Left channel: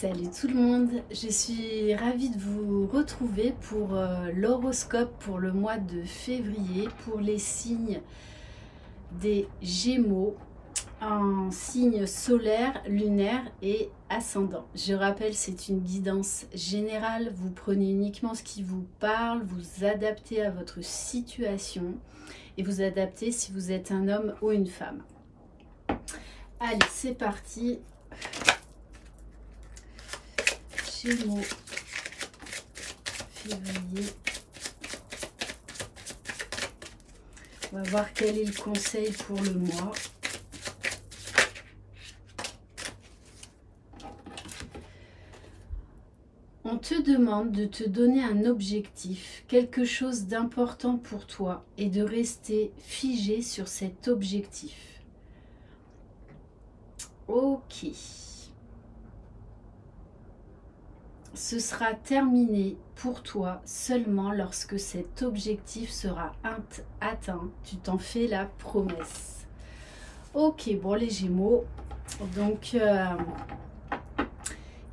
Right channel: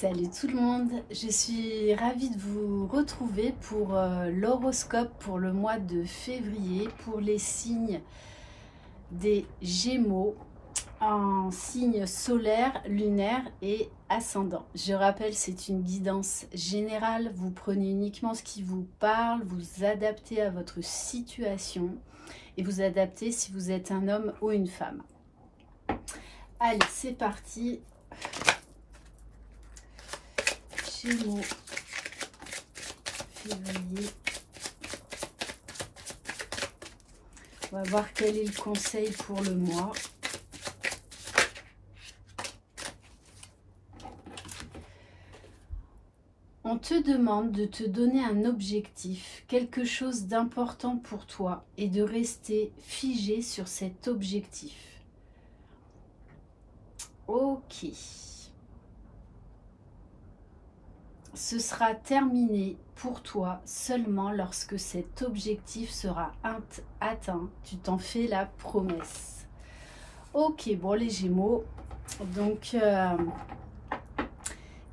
Salut tout le monde, je suis ravie de vous retrouver pour l'horoscope pour le mois de février pour les signes des Gémeaux en signe solaire, lunaire et ascendant. Je rappelle, c'est une guidance générale, vous prenez uniquement ce qui vous parle, vous adaptez à votre situation et vous adaptez si vous êtes un homme ou une femme. Allez, c'est parti. Gémeaux, février. On va voir quel est le conseil pour le mois. On te demande de te donner un objectif, quelque chose d'important pour toi et de rester figé sur cet objectif. Ok. Ce sera terminé pour toi seulement lorsque cet objectif sera atteint. Tu t'en fais la promesse. Ok, bon les Gémeaux, donc il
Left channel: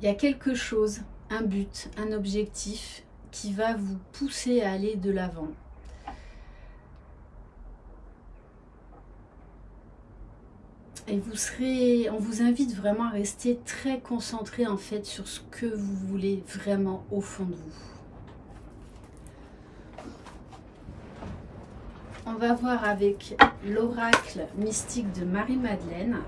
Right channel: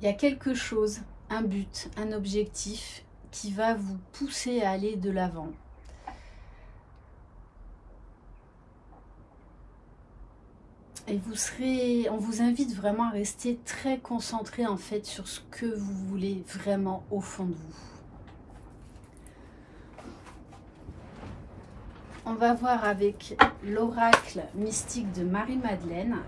y a quelque chose, un but, un objectif qui va vous pousser à aller de l'avant. Et on vous invite vraiment à rester très concentré en fait sur ce que vous voulez vraiment au fond de vous. On va voir avec l'oracle mystique de Marie-Madeleine.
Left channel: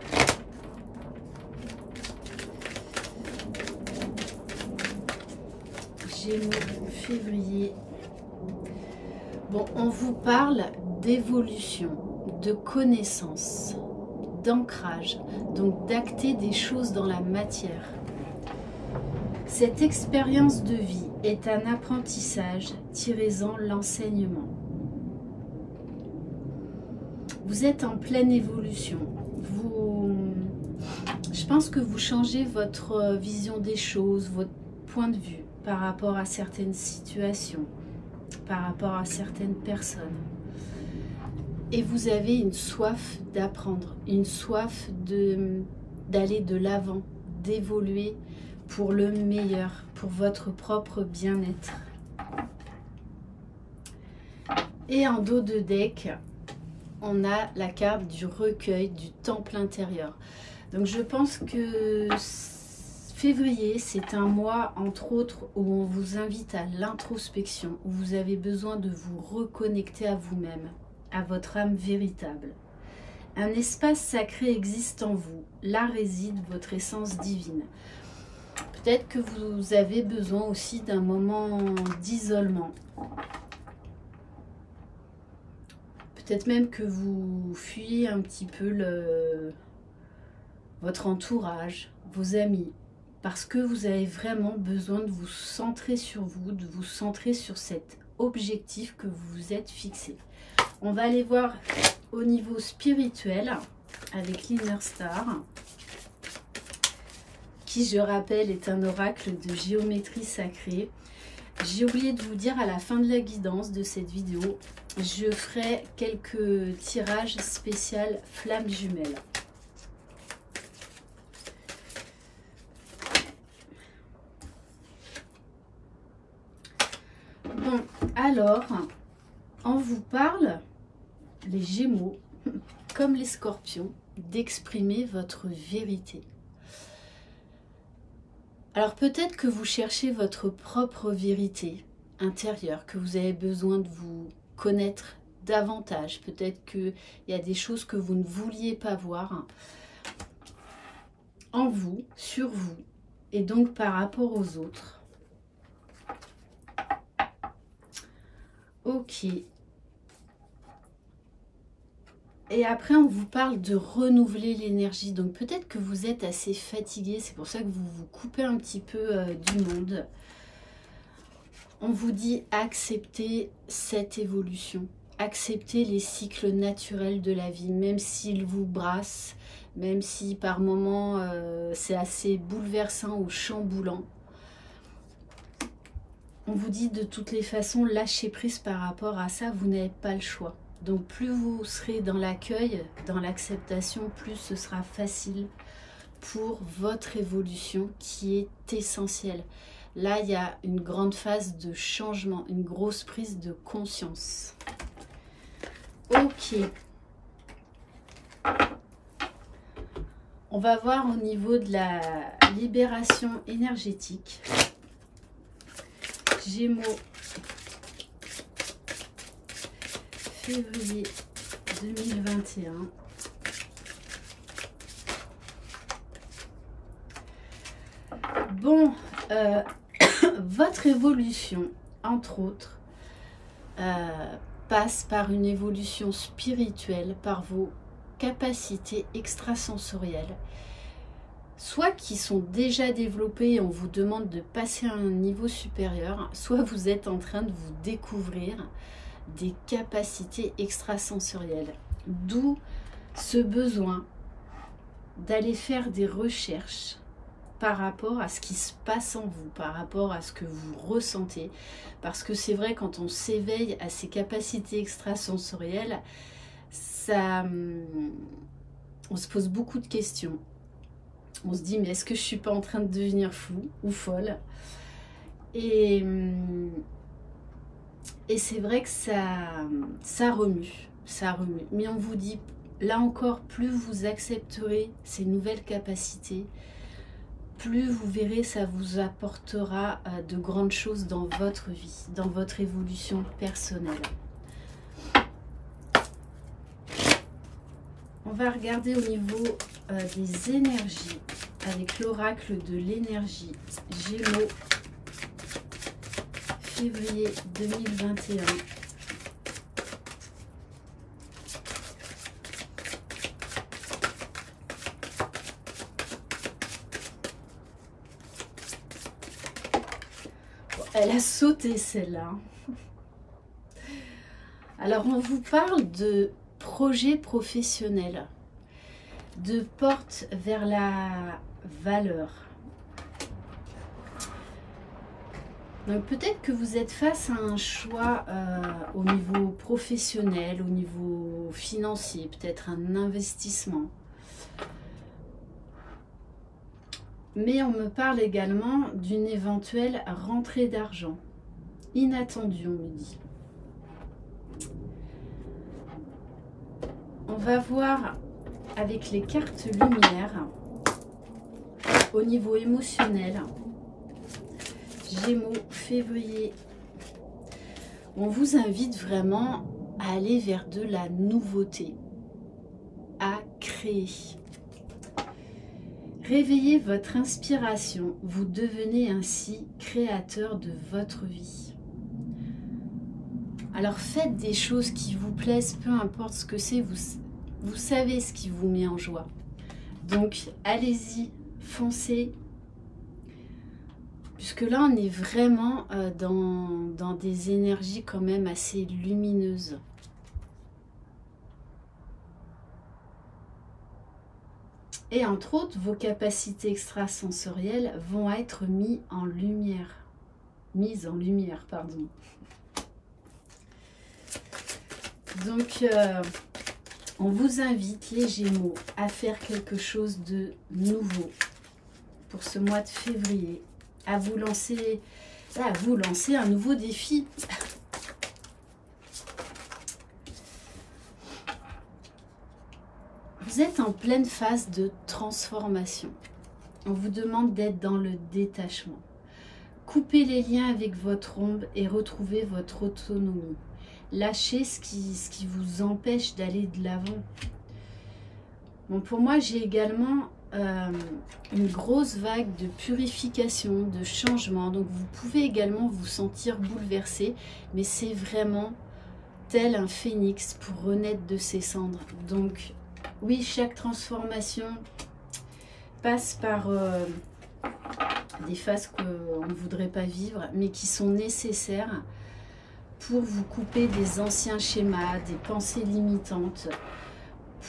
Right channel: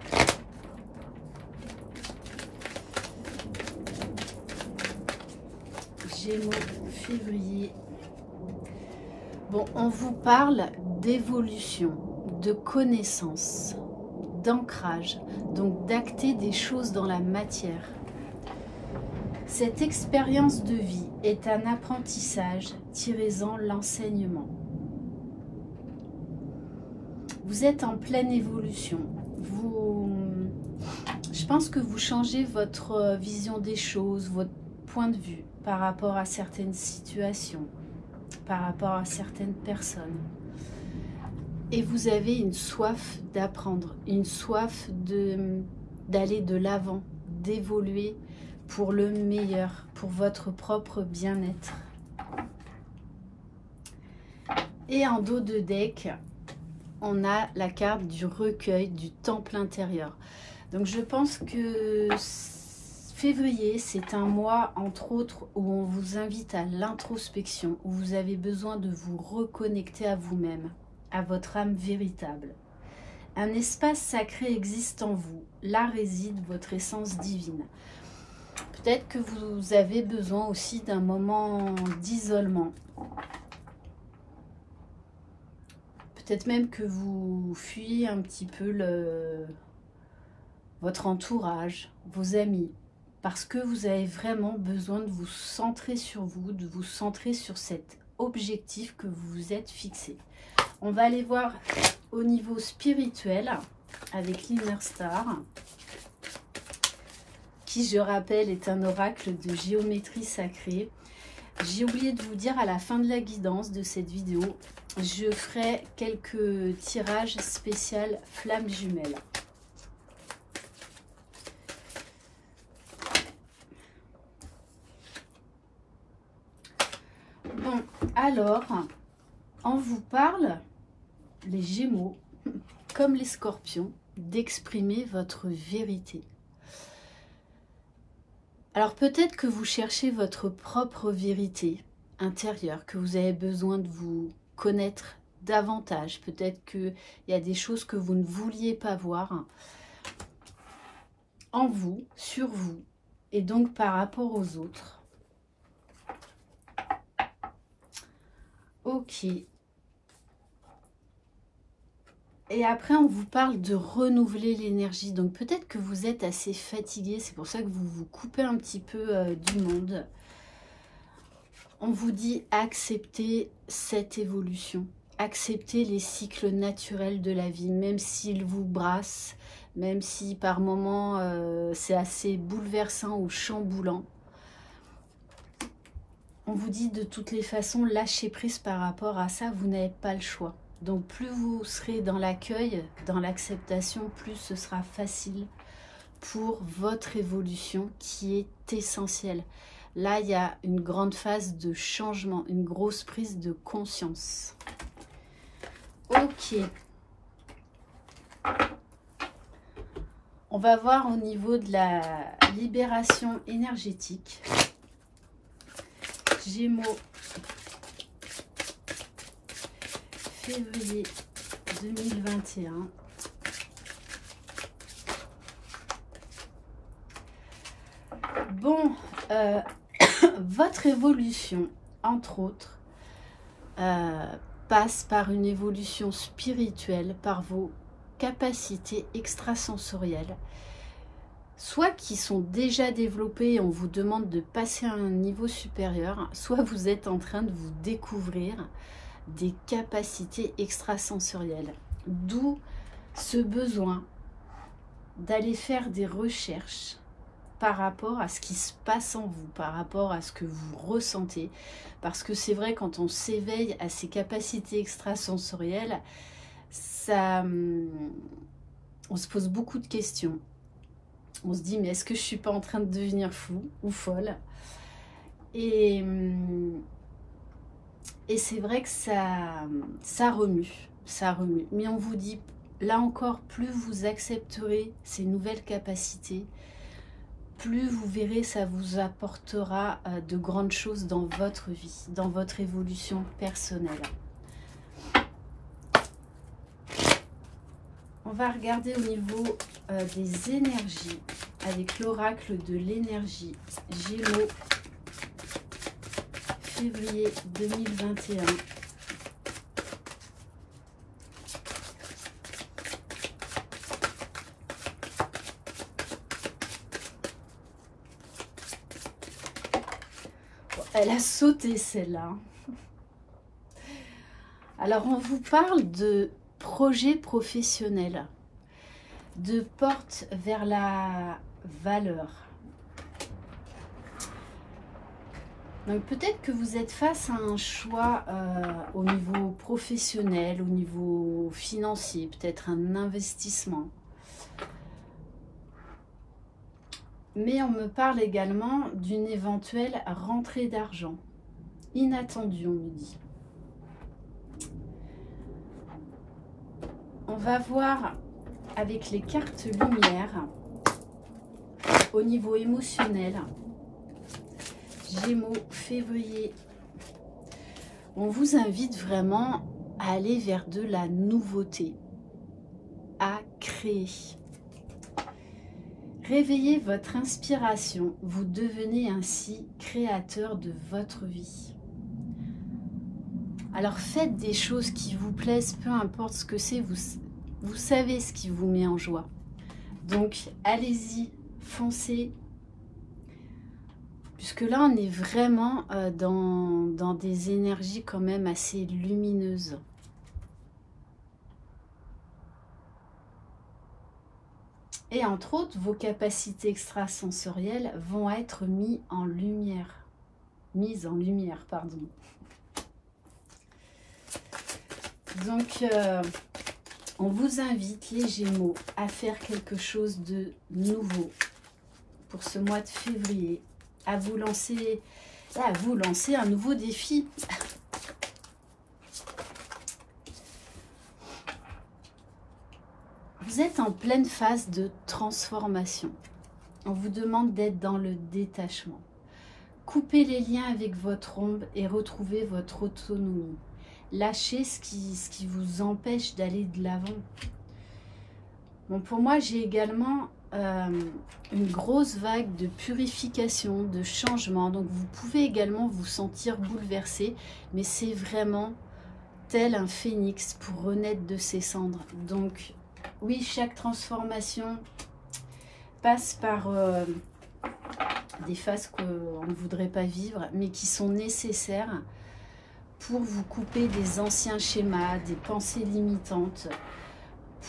Gémeaux, février. Bon, on vous parle d'évolution, de connaissance, d'ancrage, donc d'acter des choses dans la matière. Cette expérience de vie est un apprentissage, tirez-en l'enseignement. Vous êtes en pleine évolution. Je pense que vous changez votre vision des choses, votre point de vue par rapport à certaines situations, par rapport à certaines personnes. Et vous avez une soif d'apprendre, une soif d'aller de l'avant, d'évoluer pour le meilleur, pour votre propre bien-être. Et en dos de deck, on a la carte du recueil, du temple intérieur. Donc je pense que février, c'est un mois, entre autres, où on vous invite à l'introspection, où vous avez besoin de vous reconnecter à vous-même, à votre âme véritable. Un espace sacré existe en vous. Là réside votre essence divine. Peut-être que vous avez besoin aussi d'un moment d'isolement. Peut-être même que vous fuyez un petit peu votre entourage, vos amis, parce que vous avez vraiment besoin de vous centrer sur vous, de vous centrer sur cet objectif que vous vous êtes fixé. On va aller voir au niveau spirituel avec l'Inner Star, qui, je rappelle, est un oracle de géométrie sacrée. J'ai oublié de vous dire à la fin de la guidance de cette vidéo, je ferai quelques tirages spéciaux flammes jumelles. Bon, alors, on vous parle, les Gémeaux, comme les Scorpions, d'exprimer votre vérité. Alors peut-être que vous cherchez votre propre vérité intérieure, que vous avez besoin de vous connaître davantage. Peut-être qu'il y a des choses que vous ne vouliez pas voir en vous, sur vous, et donc par rapport aux autres. Ok. Et après, on vous parle de renouveler l'énergie. Donc, peut-être que vous êtes assez fatigué. C'est pour ça que vous vous coupez un petit peu du monde. On vous dit acceptez cette évolution. Acceptez les cycles naturels de la vie, même s'ils vous brassent, même si par moments c'est assez bouleversant ou chamboulant. On vous dit de toutes les façons, lâchez prise par rapport à ça, vous n'avez pas le choix. Donc plus vous serez dans l'accueil, dans l'acceptation, plus ce sera facile pour votre évolution qui est essentielle. Là, il y a une grande phase de changement, une grosse prise de conscience. Ok. On va voir au niveau de la libération énergétique. Gémeaux, février 2021. Bon, votre évolution, entre autres, passe par une évolution spirituelle, par vos capacités extrasensorielles, soit qui sont déjà développées et on vous demande de passer à un niveau supérieur, soit vous êtes en train de vous découvrir des capacités extrasensorielles. D'où ce besoin d'aller faire des recherches par rapport à ce qui se passe en vous, par rapport à ce que vous ressentez. Parce que c'est vrai, quand on s'éveille à ces capacités extrasensorielles, on se pose beaucoup de questions. On se dit, mais est-ce que je ne suis pas en train de devenir fou ou folle? Et c'est vrai que ça remue. Mais on vous dit, là encore, plus vous accepterez ces nouvelles capacités, plus vous verrez, ça vous apportera de grandes choses dans votre vie, dans votre évolution personnelle. On va regarder au niveau des énergies avec l'oracle de l'énergie Gémeaux, février 2021. Elle a sauté celle-là. Alors on vous parle de projet professionnel, de porte vers la valeur. Donc peut-être que vous êtes face à un choix au niveau professionnel, au niveau financier, peut-être un investissement. Mais on me parle également d'une éventuelle rentrée d'argent. Inattendue, on me dit. On va voir avec les cartes lumière au niveau émotionnel. Gémeaux, février. On vous invite vraiment à aller vers de la nouveauté, à créer. Réveillez votre inspiration, vous devenez ainsi créateur de votre vie. Alors faites des choses qui vous plaisent, peu importe ce que c'est, vous savez ce qui vous met en joie. Donc allez-y, foncez. Puisque là on est vraiment dans des énergies quand même assez lumineuses. Et entre autres, vos capacités extrasensorielles vont être mises en lumière. Pardon. Donc, on vous invite, les Gémeaux, à faire quelque chose de nouveau pour ce mois de février, à vous lancer un nouveau défi. Vous êtes en pleine phase de transformation. On vous demande d'être dans le détachement. Coupez les liens avec votre ombre et retrouvez votre autonomie. Lâchez ce qui vous empêche d'aller de l'avant. Bon, pour moi, j'ai également une grosse vague de purification, de changement. Donc, vous pouvez également vous sentir bouleversé, mais c'est vraiment tel un phénix pour renaître de ses cendres. Donc, oui, chaque transformation passe par des phases qu'on ne voudrait pas vivre, mais qui sont nécessaires pour vous couper des anciens schémas, des pensées limitantes,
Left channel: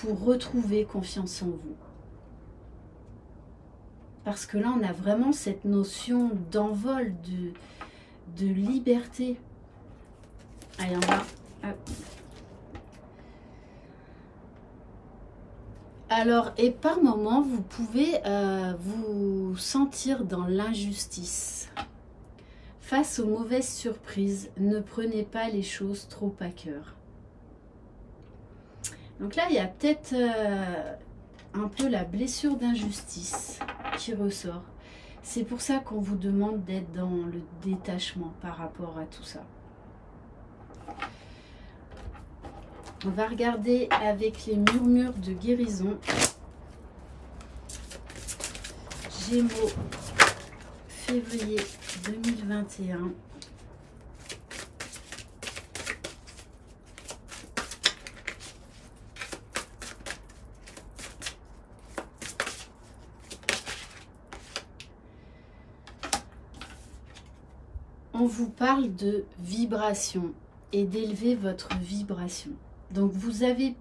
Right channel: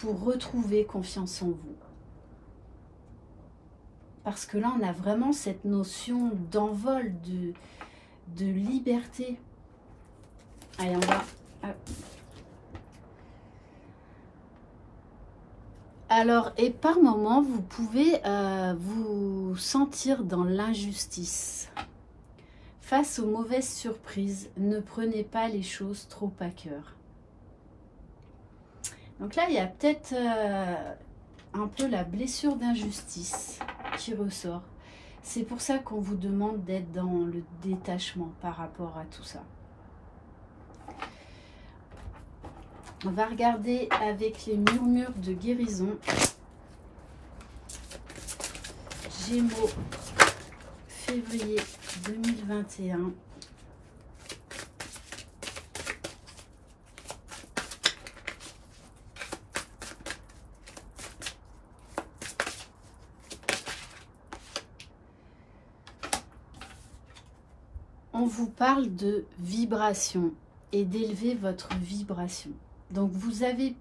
pour retrouver confiance en vous. Parce que là, on a vraiment cette notion d'envol, de liberté. Allez, on va... Hop. Alors, et par moments, vous pouvez vous sentir dans l'injustice. Face aux mauvaises surprises, ne prenez pas les choses trop à cœur. Donc là, il y a peut-être un peu la blessure d'injustice qui ressort. C'est pour ça qu'on vous demande d'être dans le détachement par rapport à tout ça. On va regarder avec les murmures de guérison. Gémeaux, février 2021. On vous parle de vibration et d'élever votre vibration. Donc vous allez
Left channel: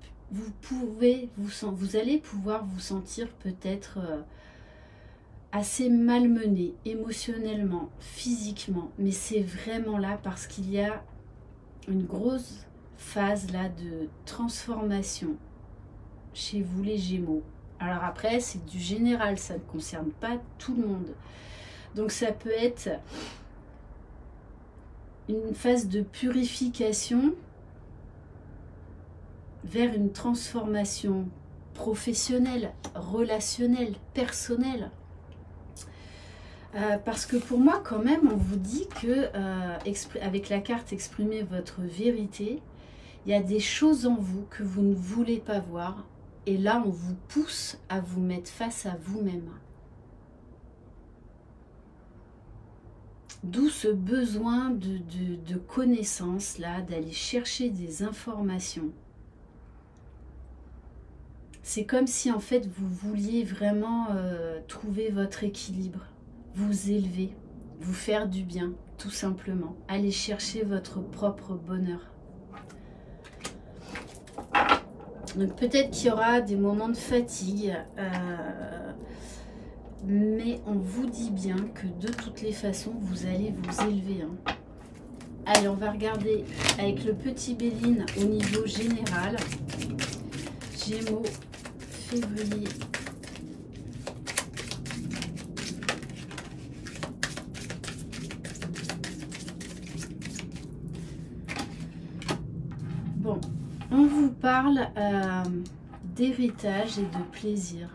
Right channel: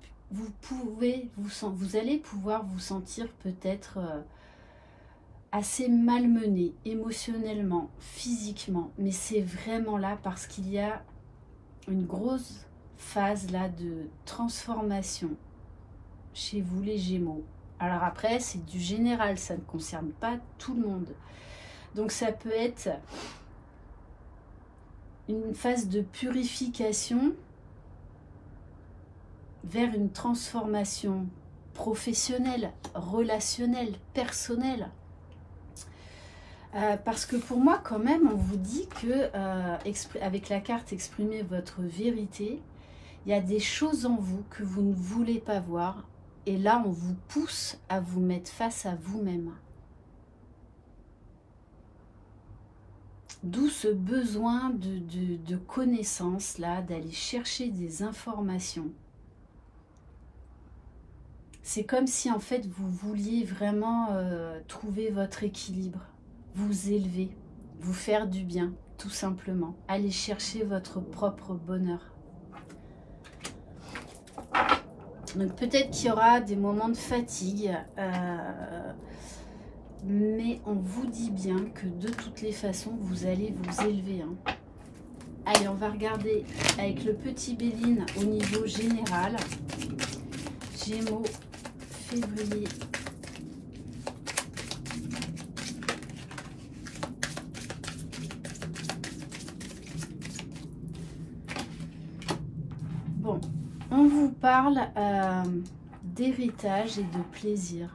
pouvoir vous sentir peut-être assez malmené émotionnellement, physiquement, mais c'est vraiment là parce qu'il y a une grosse phase là de transformation chez vous les Gémeaux. Alors après c'est du général, ça ne concerne pas tout le monde. Donc ça peut être une phase de purification vers une transformation professionnelle, relationnelle, personnelle. Parce que pour moi, quand même, on vous dit que, avec la carte Exprimez votre vérité, il y a des choses en vous que vous ne voulez pas voir. Et là, on vous pousse à vous mettre face à vous-même. D'où ce besoin de connaissance, là, d'aller chercher des informations. C'est comme si, en fait, vous vouliez vraiment trouver votre équilibre, vous élever, vous faire du bien, tout simplement. Aller chercher votre propre bonheur. Donc, peut-être qu'il y aura des moments de fatigue, mais on vous dit bien que de toutes les façons, vous allez vous élever. Hein. Allez, on va regarder avec le petit Béline au niveau général. Gémeaux, février. Bon, on vous parle d'héritage et de plaisir.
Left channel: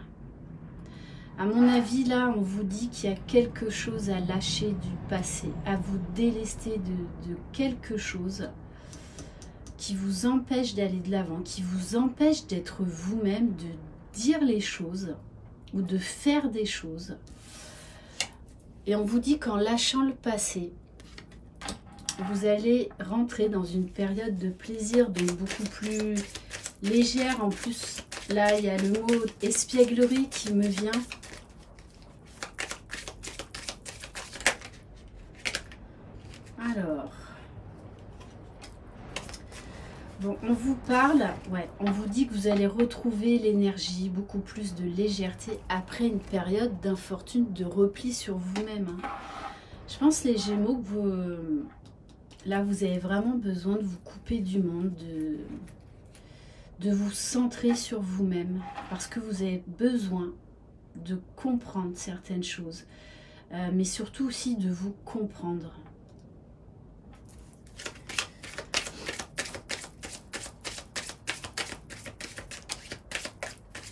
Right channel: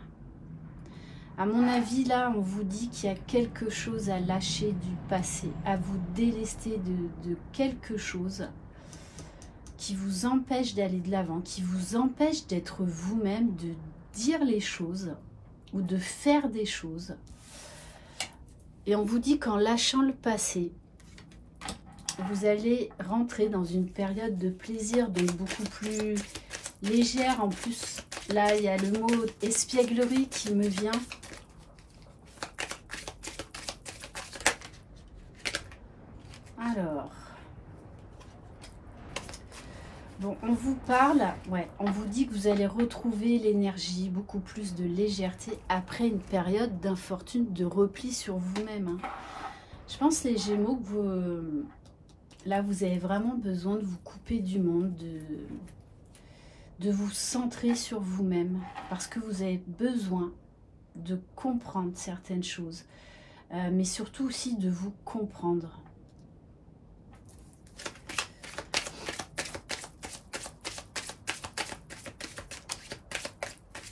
À mon avis, là, on vous dit qu'il y a quelque chose à lâcher du passé, à vous délester de quelque chose qui vous empêche d'aller de l'avant, qui vous empêche d'être vous-même, de dire les choses ou de faire des choses. Et on vous dit qu'en lâchant le passé, vous allez rentrer dans une période de plaisir, donc beaucoup plus légère. En plus, là, il y a le mot espièglerie qui me vient. Alors, bon, on vous parle, ouais, on vous dit que vous allez retrouver l'énergie, beaucoup plus de légèreté après une période d'infortune, de repli sur vous-même. Hein. Je pense, les Gémeaux, que vous, là, vous avez vraiment besoin de vous couper du monde, de vous centrer sur vous-même, parce que vous avez besoin de comprendre certaines choses, mais surtout aussi de vous comprendre.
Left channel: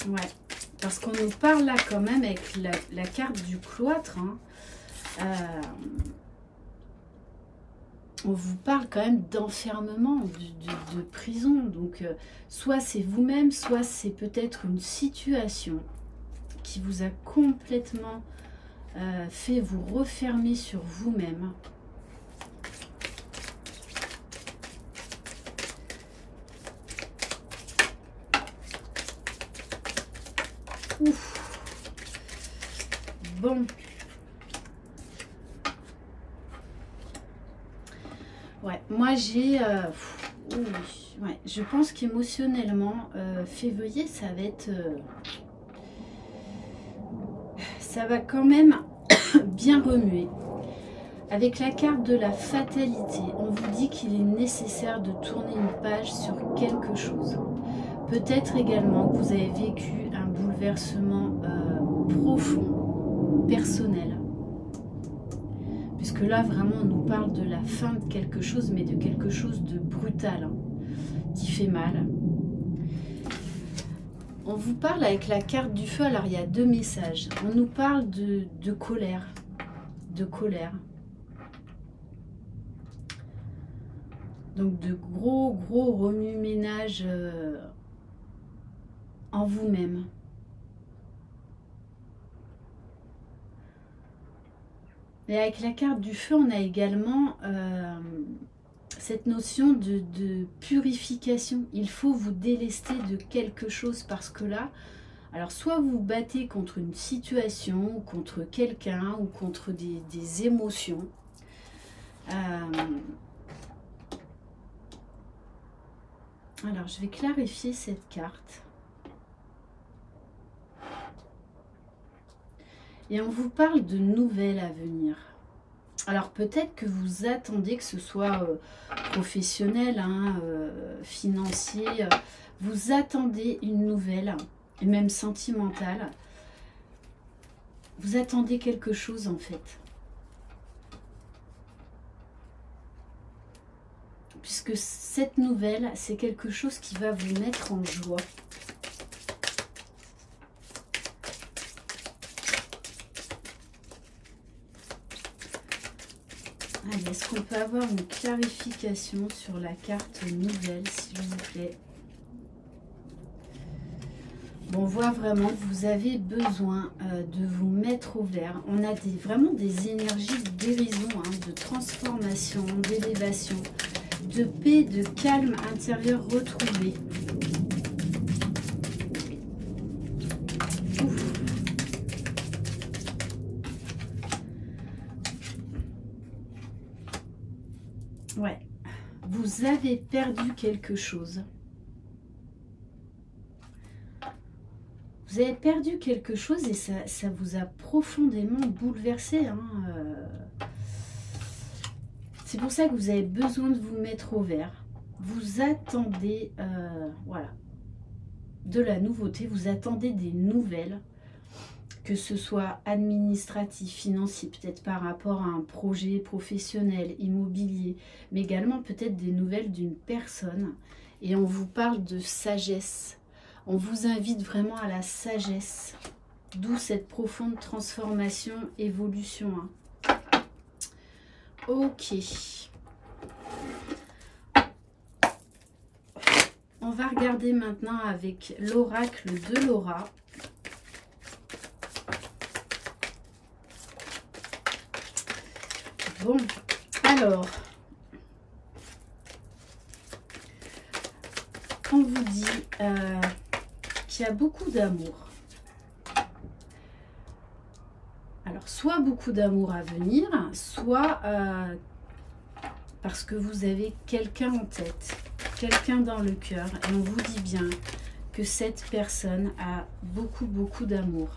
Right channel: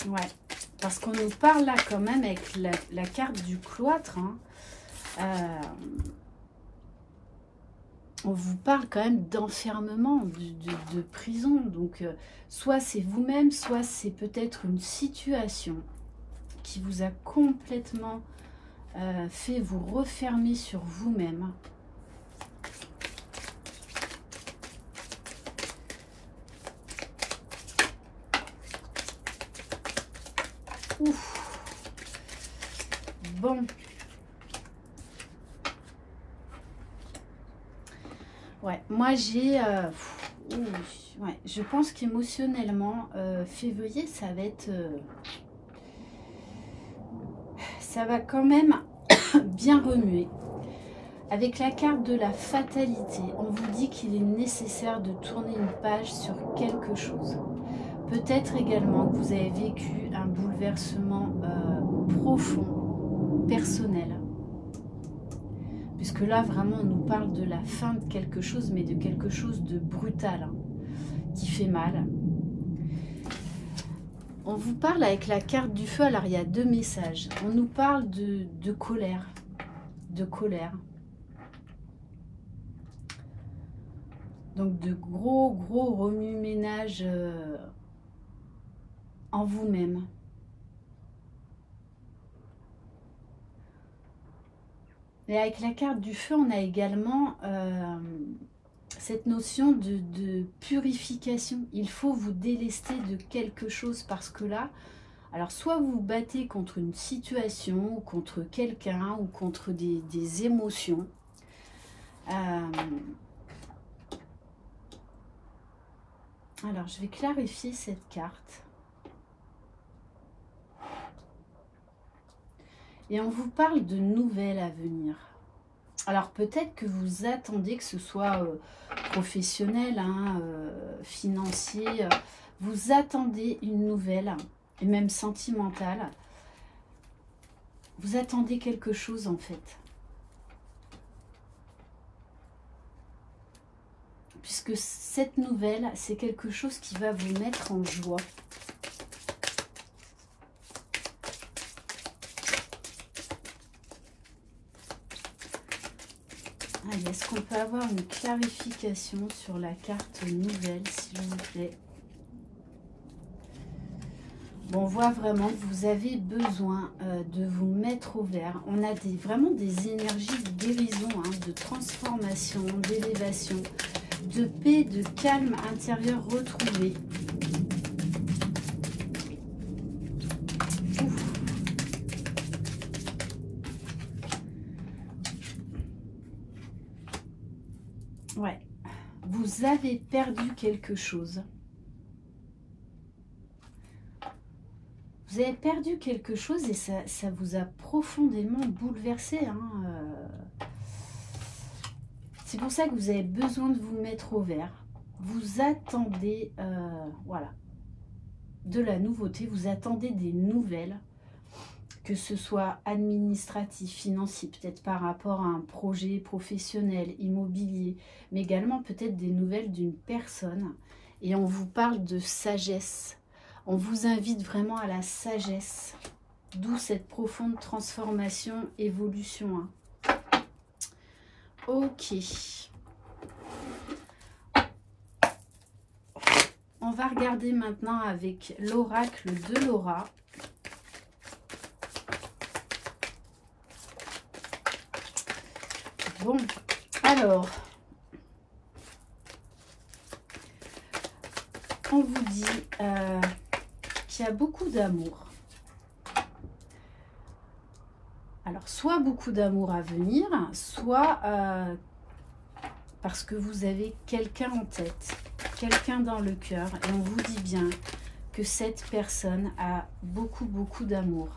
Ouais, parce qu'on nous parle là quand même avec la carte du cloître. Hein. On vous parle quand même d'enfermement, de prison. Donc, soit c'est vous-même, soit c'est peut-être une situation qui vous a complètement fait vous refermer sur vous-même. Ouf. Bon. Ouais, moi j'ai... ouais, je pense qu'émotionnellement, février, ça va être... ça va quand même bien remuer. Avec la carte de la fatalité, on vous dit qu'il est nécessaire de tourner une page sur quelque chose. Peut-être également que vous avez vécu un boulot bouleversement profond, personnel. Puisque là, vraiment, on nous parle de la fin de quelque chose, mais de quelque chose de brutal, hein, qui fait mal. On vous parle avec la carte du feu, alors il y a deux messages. On nous parle de colère, de colère. Donc de gros remue-ménage en vous-même. Et avec la carte du feu, on a également cette notion de purification. Il faut vous délester de quelque chose parce que là, alors soit vous vous battez contre une situation, ou contre quelqu'un, ou contre des émotions. Alors, je vais clarifier cette carte. Et on vous parle de nouvelles à venir. Alors, peut-être que vous attendez que ce soit professionnel, hein, financier. Vous attendez une nouvelle, et même sentimentale. Vous attendez quelque chose, en fait. Puisque cette nouvelle, c'est quelque chose qui va vous mettre en joie. Est-ce qu'on peut avoir une clarification sur la carte nouvelle, s'il vous plaît? Bon, on voit vraiment que vous avez besoin de vous mettre au vert. On a vraiment des énergies de guérison, hein, de transformation, d'élévation, de paix, de calme intérieur retrouvé. Ouais, vous avez perdu quelque chose. Vous avez perdu quelque chose et ça vous a profondément bouleversé. Hein. C'est pour ça que vous avez besoin de vous mettre au vert. Vous attendez, voilà, de la nouveauté. Vous attendez des nouvelles, que ce soit administratif, financier, peut-être par rapport à un projet professionnel, immobilier, mais également peut-être des nouvelles d'une personne. Et on vous parle de sagesse. On vous invite vraiment à la sagesse, d'où cette profonde transformation, évolution. Hein. Ok. On va regarder maintenant avec l'oracle de Laura. Bon, alors, on vous dit qu'il y a beaucoup d'amour. Alors, soit beaucoup d'amour à venir, soit parce que vous avez quelqu'un en tête, quelqu'un dans le cœur, et on vous dit bien que cette personne a beaucoup d'amour.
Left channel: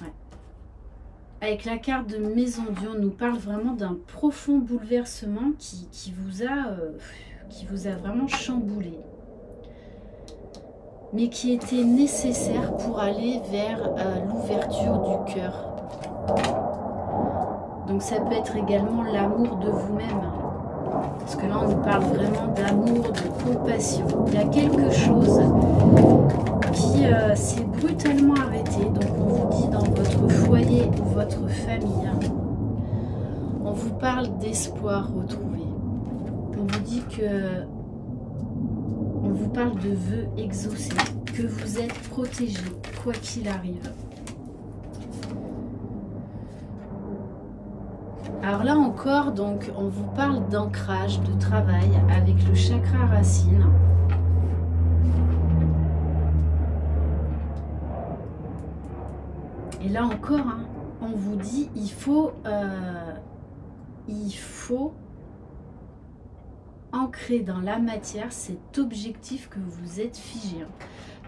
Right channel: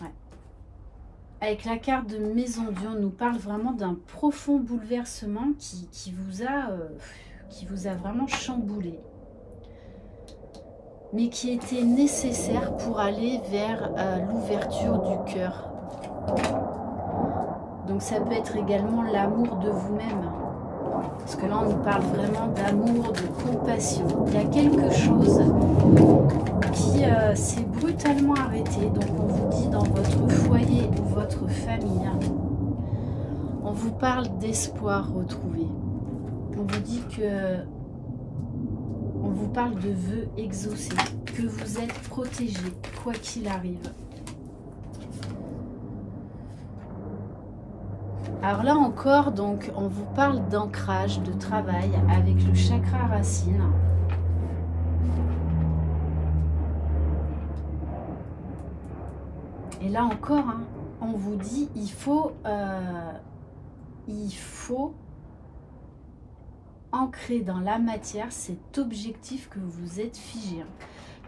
Ouais. Avec la carte de Maison Dieu, on nous parle vraiment d'un profond bouleversement qui vous a vraiment chamboulé, mais qui était nécessaire pour aller vers l'ouverture du cœur. Donc ça peut être également l'amour de vous-même, parce que là on nous parle vraiment d'amour, de compassion. Il y a quelque chose qui s'est brutalement arrêté, donc on vous dit dans votre foyer ou votre famille, on vous parle d'espoir retrouvé. On vous dit que on vous parle de vœux exaucés, que vous êtes protégé, quoi qu'il arrive. Alors là encore, donc, on vous parle d'ancrage, de travail avec le chakra racine. Et là encore, hein, on vous dit, il faut ancrer dans la matière cet objectif que vous êtes figé, hein,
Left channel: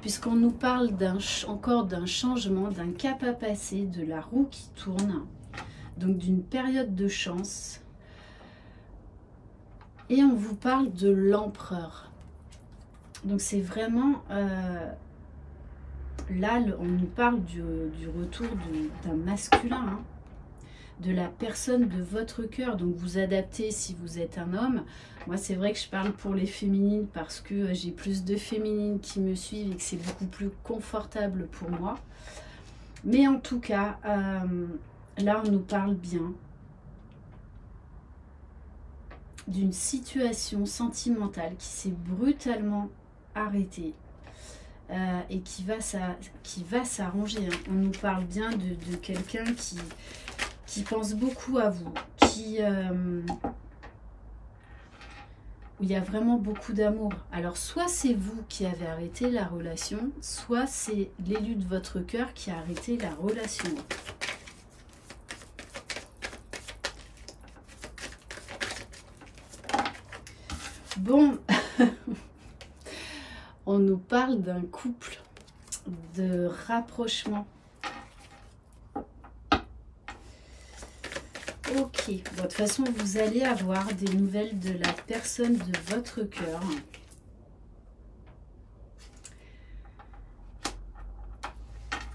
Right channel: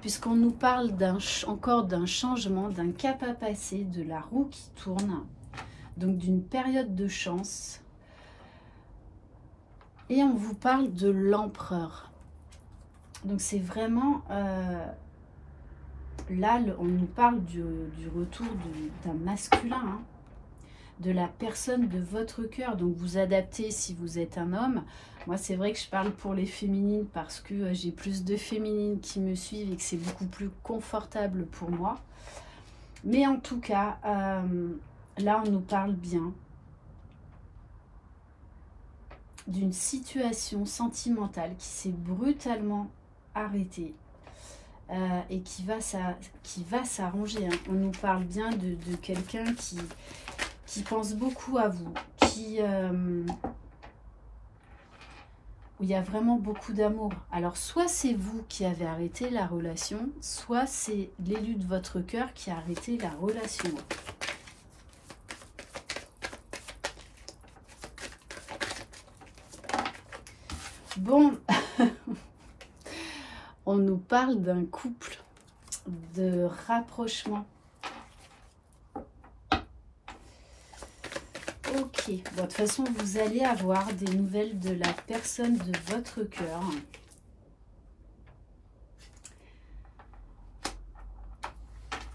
puisqu'on nous parle encore d'un changement, d'un cap à passer, de la roue qui tourne, donc d'une période de chance. Et on vous parle de l'empereur. Donc c'est vraiment là, on nous parle du retour d'un masculin, hein, de la personne de votre cœur. Donc vous adaptez si vous êtes un homme. Moi, c'est vrai que je parle pour les féminines parce que j'ai plus de féminines qui me suivent et que c'est beaucoup plus confortable pour moi. Mais en tout cas, là, on nous parle bien d'une situation sentimentale qui s'est brutalement arrêtée et qui va s'arranger. Hein. On nous parle bien de quelqu'un qui pense beaucoup à vous, où il y a vraiment beaucoup d'amour. Alors, soit c'est vous qui avez arrêté la relation, soit c'est l'élu de votre cœur qui a arrêté la relation. Bon, on nous parle d'un couple, de rapprochement. Ok, bon, de toute façon, vous allez avoir des nouvelles de la personne de votre cœur.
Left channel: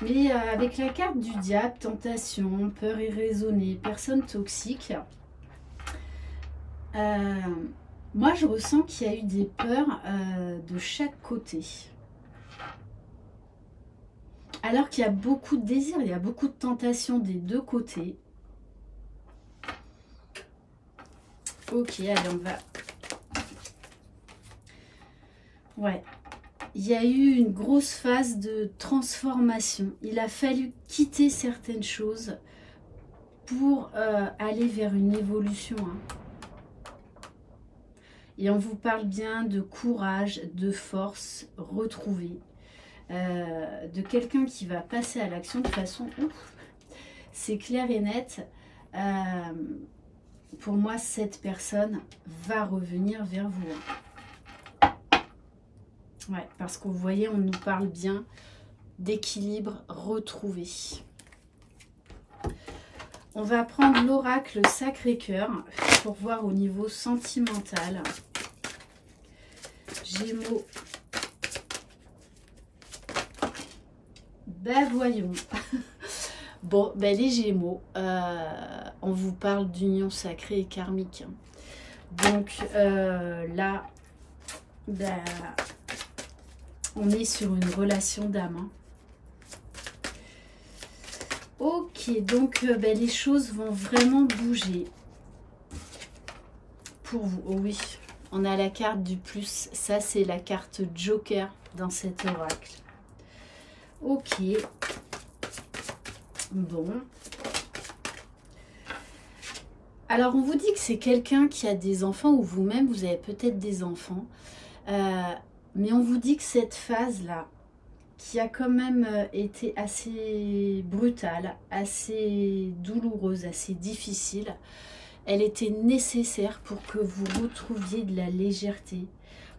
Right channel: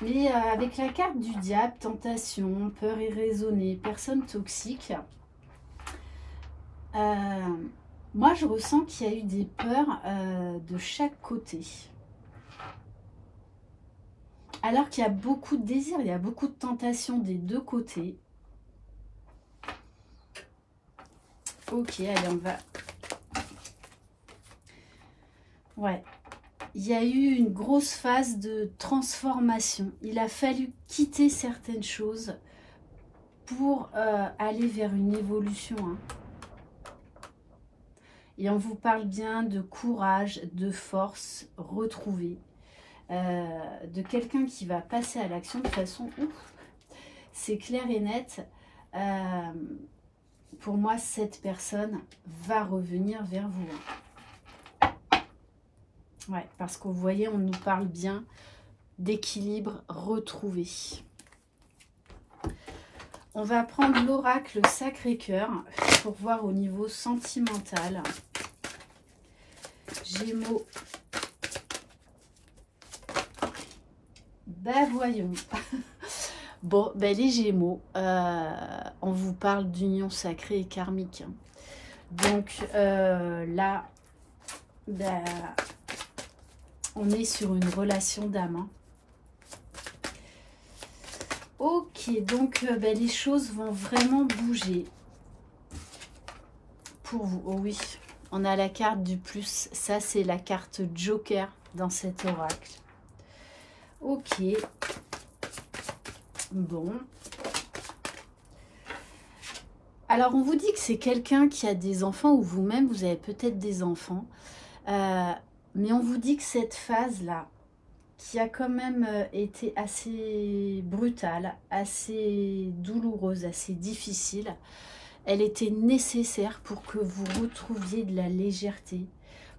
Mais avec la carte du diable, tentation, peur irraisonnée, personne toxique, moi je ressens qu'il y a eu des peurs de chaque côté. Alors qu'il y a beaucoup de désirs, il y a beaucoup de tentations des deux côtés. Ok, allez, on va... Ouais. Il y a eu une grosse phase de transformation. Il a fallu quitter certaines choses pour aller vers une évolution. Hein. Et on vous parle bien de courage, de force retrouvée. De quelqu'un qui va passer à l'action de façon... C'est clair et net. Pour moi, cette personne va revenir vers vous. Ouais, parce que vous voyez, on nous parle bien d'équilibre retrouvé. On va prendre l'oracle Sacré-Cœur pour voir au niveau sentimental. Gémeaux. Ben voyons. Bon, ben les Gémeaux, on vous parle d'union sacrée et karmique. Donc là, ben, on est sur une relation d'âme. Hein. Ok, donc ben, les choses vont vraiment bouger pour vous. Oh oui, on a la carte du plus. Ça, c'est la carte Joker dans cet oracle. Ok. Bon. Alors, on vous dit que c'est quelqu'un qui a des enfants ou vous-même, vous avez peut-être des enfants. Mais on vous dit que cette phase-là, qui a quand même été assez brutale, assez douloureuse, assez difficile, elle était nécessaire pour que vous retrouviez de la légèreté,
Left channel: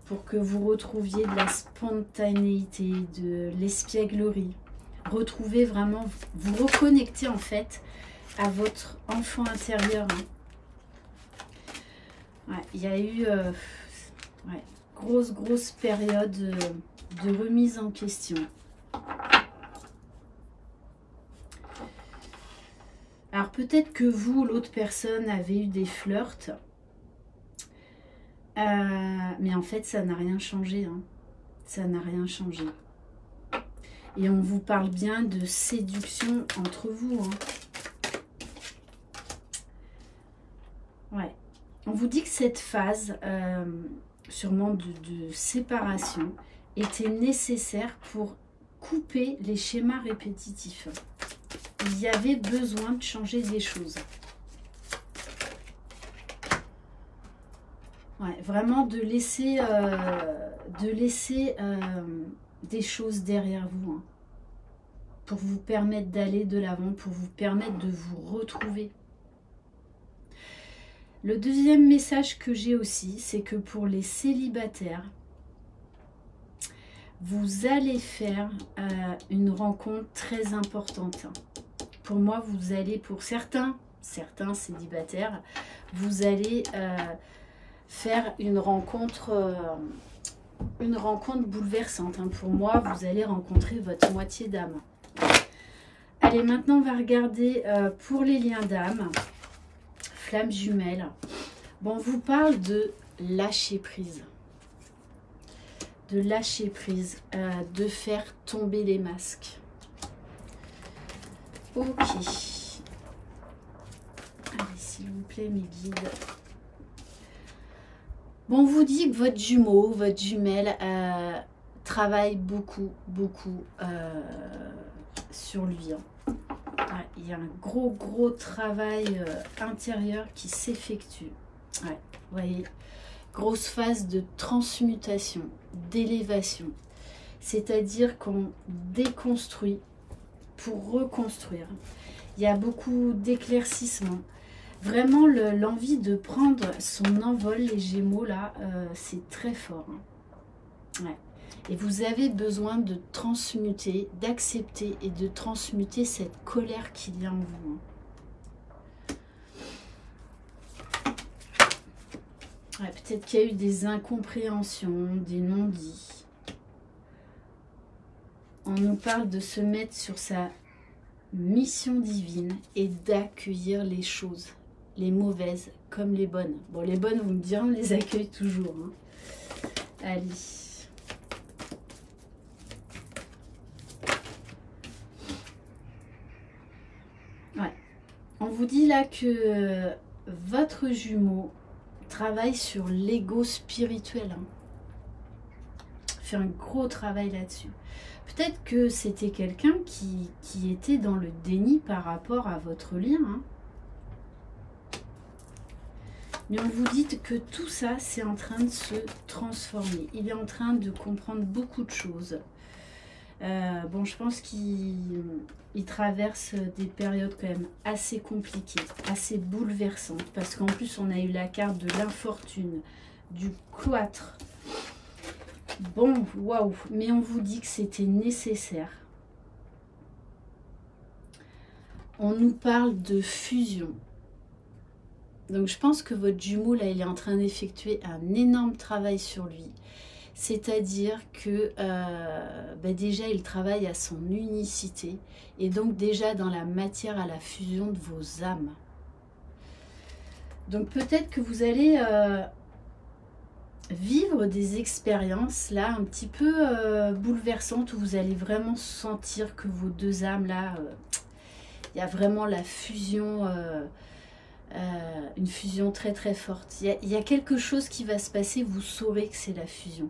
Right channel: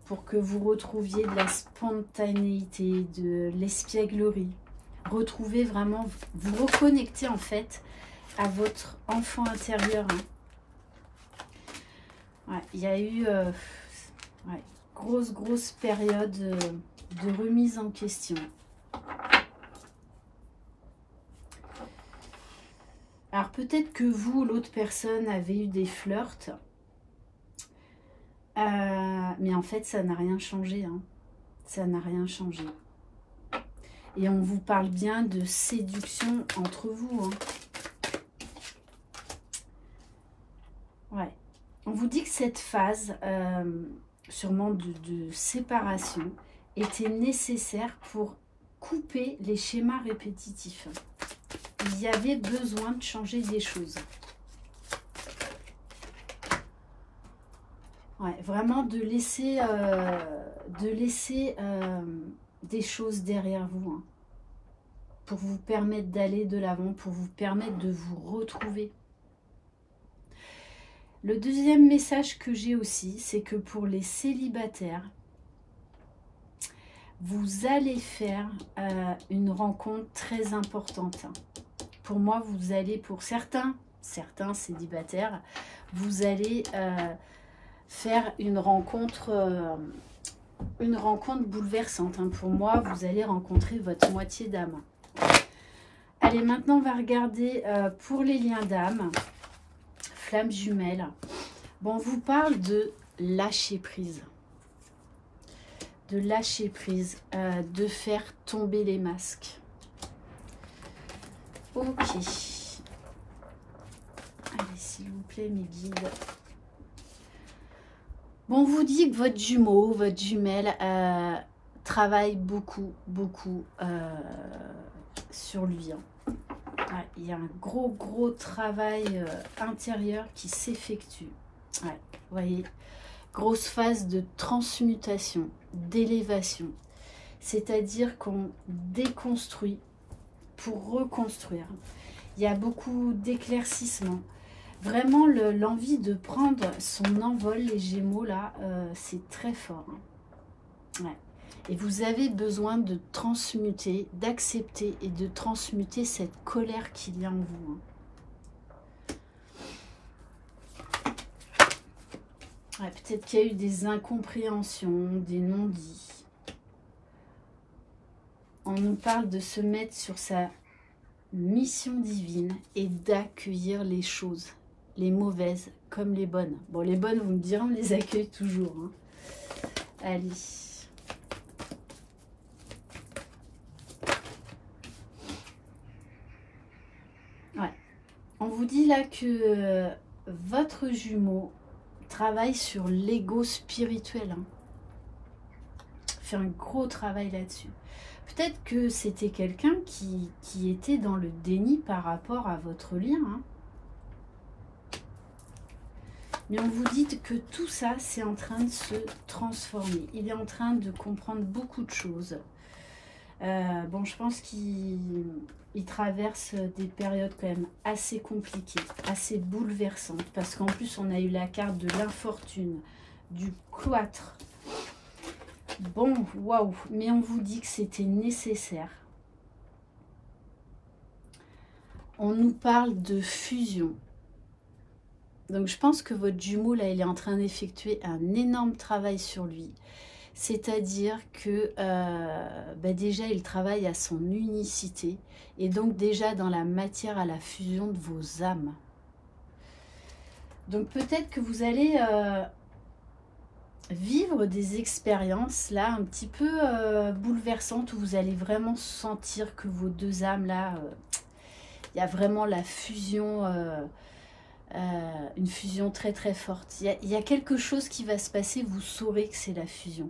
pour que vous retrouviez de la spontanéité, de l'espièglerie. Retrouver vraiment, vous reconnecter en fait à votre enfant intérieur. Hein. Ouais, il y a eu ouais, grosse période de remise en question. Alors peut-être que vous, l'autre personne, avez eu des flirts, mais en fait ça n'a rien changé. Hein. Ça n'a rien changé. Et on vous parle bien de séduction entre vous. Hein. Ouais. On vous dit que cette phase, sûrement de séparation, était nécessaire pour couper les schémas répétitifs. Il y avait besoin de changer des choses. Ouais, vraiment de laisser des choses derrière vous, hein, pour vous permettre d'aller de l'avant, pour vous permettre de vous retrouver. Le deuxième message que j'ai aussi, c'est que pour les célibataires, vous allez faire une rencontre très importante. Pour moi, vous allez, pour certains célibataires, vous allez faire une rencontre une rencontre bouleversante. Hein. Pour moi, vous allez rencontrer votre moitié d'âme. Allez, maintenant, on va regarder pour les liens d'âme. Flamme jumelle. Bon, on vous parle de lâcher prise. De lâcher prise, de faire tomber les masques. Ok. Allez, s'il vous plaît, mes guides. Bon, on vous dit que votre jumeau, votre jumelle travaille beaucoup sur lui. Hein. Ouais, il y a un gros travail intérieur qui s'effectue. Ouais, vous voyez, grosse phase de transmutation, d'élévation. C'est-à-dire qu'on déconstruit pour reconstruire. Il y a beaucoup d'éclaircissement. Vraiment, l'envie de prendre son envol, les Gémeaux, là, c'est très fort. Hein. Ouais. Et vous avez besoin de transmuter, d'accepter et de transmuter cette colère qu'il y a en vous. Hein. Ouais, peut-être qu'il y a eu des incompréhensions, des non-dits. On nous parle de se mettre sur sa mission divine et d'accueillir les choses, les mauvaises comme les bonnes. Bon, les bonnes, vous me direz, on les accueille toujours. Hein. Allez. Ouais. On vous dit là que votre jumeau travaille sur l'ego spirituel. Hein. Fait un gros travail là-dessus. Peut-être que c'était quelqu'un qui était dans le déni par rapport à votre lien. Hein. Mais on vous dit que tout ça, c'est en train de se transformer. Il est en train de comprendre beaucoup de choses. Bon, je pense qu'il traverse des périodes quand même assez compliquées, assez bouleversantes. Parce qu'en plus, on a eu la carte de l'infortune, du cloître. Bon, waouh, mais on vous dit que c'était nécessaire. On nous parle de fusion. Donc, je pense que votre jumeau, là, il est en train d'effectuer un énorme travail sur lui. C'est-à-dire que, déjà, il travaille à son unicité. Et donc, déjà, dans la matière, à la fusion de vos âmes. Donc, peut-être que vous allez... vivre des expériences là un petit peu bouleversantes où vous allez vraiment sentir que vos deux âmes là, il y a vraiment la fusion, une fusion très forte. Il y a quelque chose qui va se passer, vous saurez que c'est la fusion.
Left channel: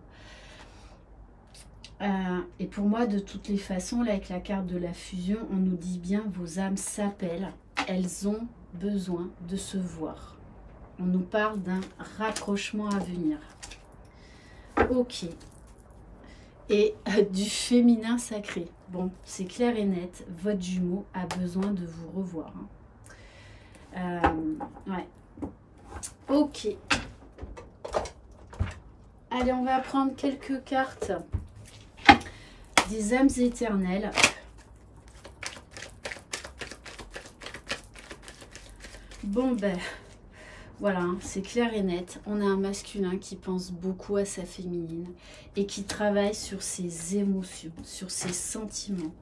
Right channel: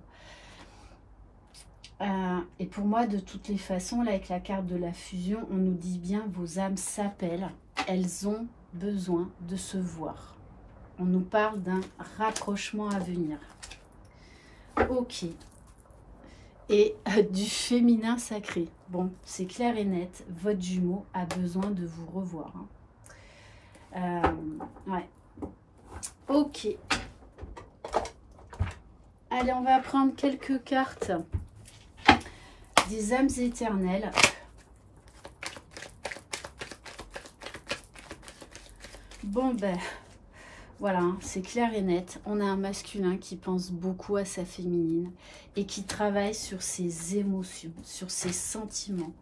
Et pour moi, de toutes les façons, là avec la carte de la fusion, on nous dit bien vos âmes s'appellent, elles ont besoin de se voir. On nous parle d'un rapprochement à venir. Ok. Et du féminin sacré. Bon, c'est clair et net. Votre jumeau a besoin de vous revoir. Hein. Ouais. Ok. Allez, on va prendre quelques cartes des âmes éternelles. Bon, ben... Voilà, c'est clair et net. On a un masculin qui pense beaucoup à sa féminine et qui travaille sur ses émotions, sur ses sentiments,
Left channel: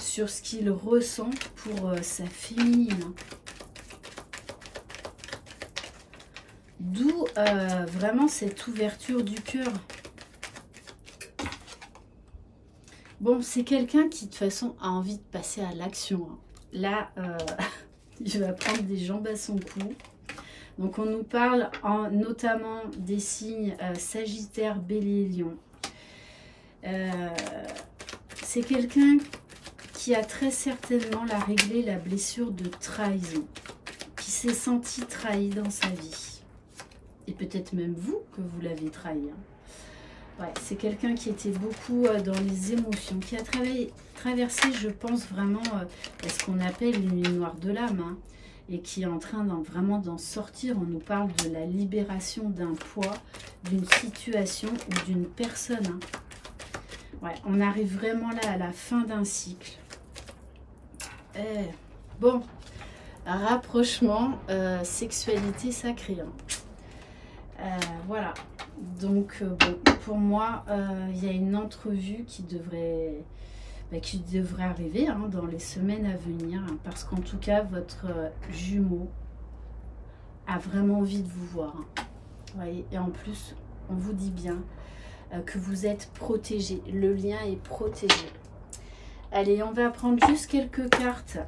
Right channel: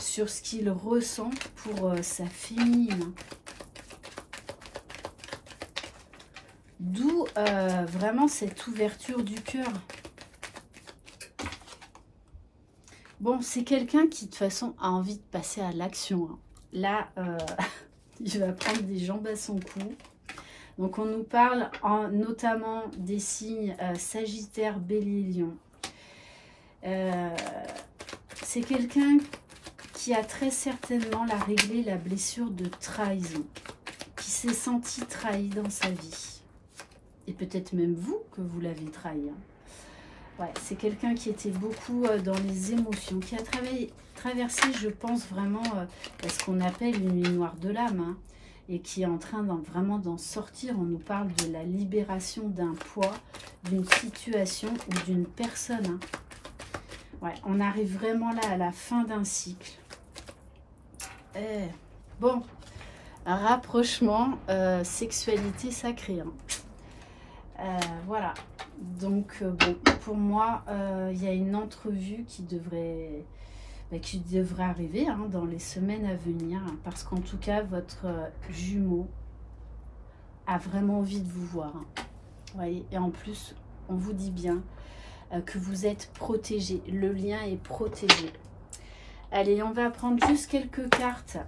sur ce qu'il ressent pour sa féminine. D'où vraiment cette ouverture du cœur. Bon, c'est quelqu'un qui de toute façon a envie de passer à l'action. Hein. Là, il va prendre des jambes à son cou. Donc, on nous parle notamment des signes Sagittaire, Bélier, Lion. C'est quelqu'un qui a très certainement réglé la blessure de trahison, qui s'est senti trahi dans sa vie. Et peut-être même vous que vous l'avez trahi. Hein. Ouais, c'est quelqu'un qui était beaucoup dans les émotions, qui a traversé, je pense, vraiment ce qu'on appelle une nuit noire de l'âme. Hein. Et qui est en train vraiment d'en sortir. On nous parle de la libération d'un poids, d'une situation ou d'une personne. Hein. Ouais, on arrive vraiment là à la fin d'un cycle. Bon, rapprochement, sexualité sacrée. Hein. Voilà. Donc, bon, pour moi, il y a une entrevue qui devrait arriver hein, dans les semaines à venir. Hein, parce qu'en tout cas, votre jumeau a vraiment envie de vous voir. Hein. Vous voyez, et en plus, on vous dit bien que vous êtes protégé. Le lien est protégé. Allez, on va prendre juste quelques cartes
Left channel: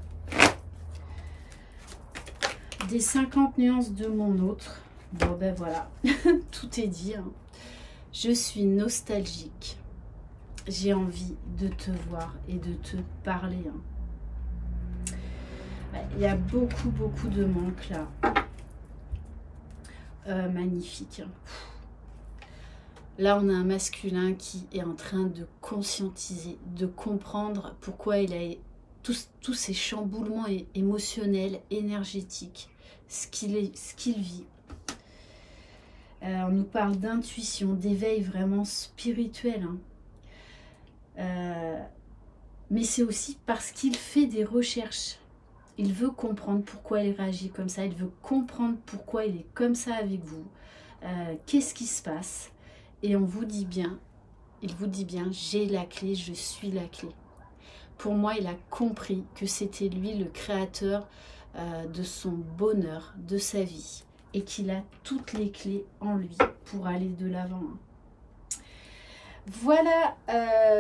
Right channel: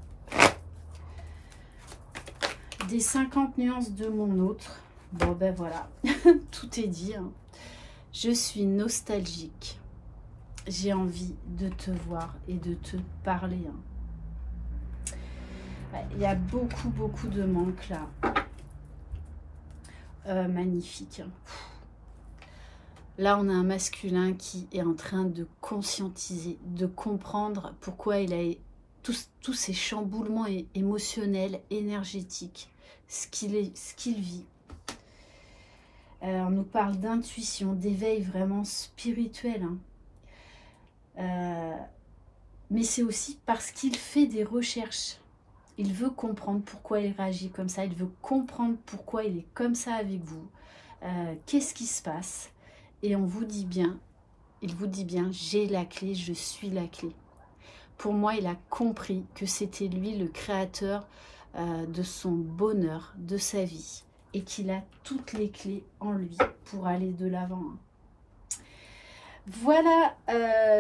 des 50 nuances de mon autre. Bon, ben voilà, tout est dit. Hein. Je suis nostalgique. J'ai envie de te voir et de te parler. Hein. Il y a beaucoup de manques là. Magnifique. Là, on a un masculin qui est en train de conscientiser, de comprendre pourquoi il a tous ces chamboulements émotionnels, énergétiques, ce qu'il vit. On nous parle d'intuition, d'éveil vraiment spirituel. Hein. Mais c'est aussi parce qu'il fait des recherches. Il veut comprendre pourquoi il réagit comme ça. Il veut comprendre pourquoi il est comme ça avec vous. Qu'est-ce qui se passe? Et on vous dit bien, il vous dit bien, j'ai la clé, je suis la clé. Pour moi, il a compris que c'était lui le créateur de son bonheur, de sa vie. Et qu'il a toutes les clés en lui pour aller de l'avant. Voilà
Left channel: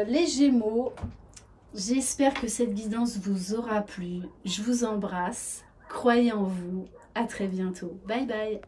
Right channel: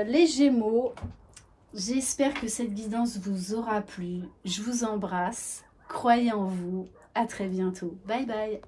les Gémeaux. J'espère que cette guidance vous aura plu. Je vous embrasse. Croyez en vous. À très bientôt. Bye bye.